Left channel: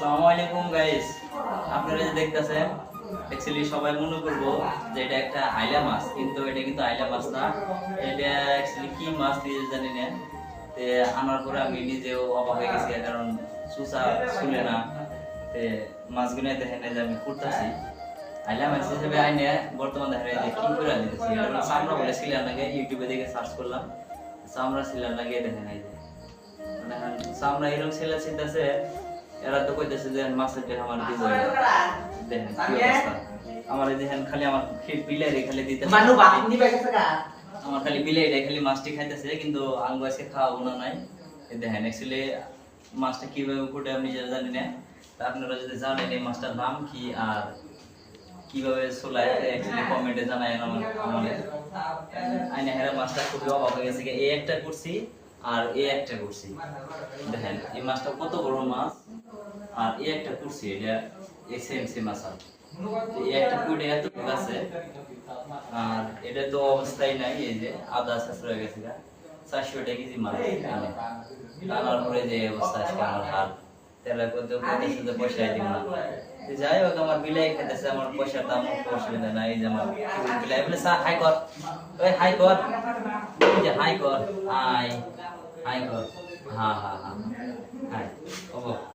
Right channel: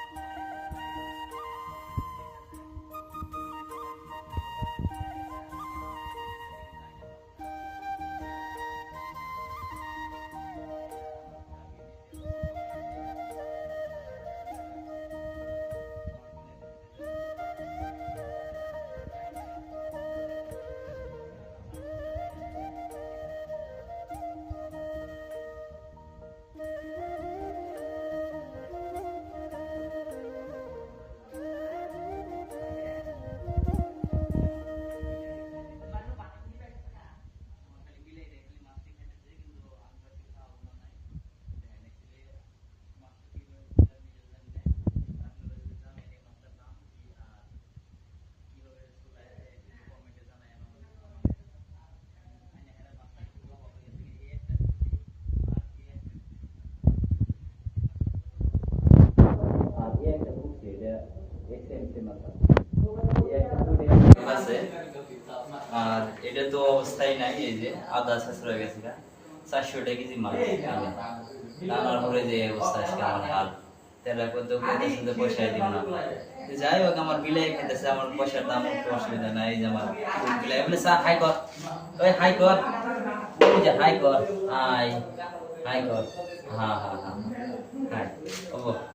আসসালামু আলাইকুম গাইস, আপনারা যে দেখতেছেন অ্যাকচুয়ালি সবাই মনে করবো যে এটা একটা আইলা মাছ, কিন্তু এটা কিন্তু আইলা মাছ না। এটা অ্যাকচুয়ালি কি মাছ দিয়ে জানি না। তে আনার পরে আমি নিজেও অবাক হয়ে গেছি, কারণ সুসা শুনে না। তে মাছগুলো দেখেন যে আমি করতেছি আইলা মাছ হিসেবে আইনে বর্তমানে দেখা যায় যে কি করে দিতেছি। এটা হলো চামড়া বলে ছিলাম নাকি, ইউটিউবে দেখে সার্চ করলাম চামড়া ছিলাম নাকি, দেখেন এই যে মানে চামড়া এরকম ছেলে ছিটাছে। এরা তো কইতেছে যে মাছের দেহ আমার বিজয় দেখেন কি অবস্থা। আমার দেখেন খালি আমার বিলাই খালি দিতে মানু বাকিন দিবে গেছে গা, আমার খালি বিলাই খালি মাছটি খাইতেছে, কিন্তু আঙ্গু আজকে খাওয়া গুণা নাই। এই দেখেন অ্যাকচুয়ালি মাছটা কিভাবে ফুটে আমি নিজে জানি না। তা আপনারা যদি জানেন এই মাছটার নাম কি আর কিভাবে চলায় অ্যাকচুয়ালি কমেন্টে জানায় আমার আমাদের আইনা হেরা মাছটা খুবই অবাক হয়ে গেছে। এই একটা করছি আর এই একটা করছি, দেখেন এই মাছটা কত বড় মাছ, আর এই একটা করছি এটা এই সেম সেম মাছ। এই একটা কুইটে আছে আর এটা তো অবস্থায় নাই, এই যে আদা শেষ হয়ে গেছে গা 400 টাকা কেজি মাছ। টানার পরে যে অবস্থা আজকে আমার হাল তেলা করতে করতেছে যে পয়সাই দিন না। যাই হোক আমার বিলাই খেতেছে, আমার পয়সার দাম কোনো অসুবিধা নাই। এই যে আমার বিলাই বলে চা হাই কর, ওই হাই কর, এই যে হাই কর, হাই হাই কর, হ্যাঁ হ্যাঁ হ্যাঁ হাই ও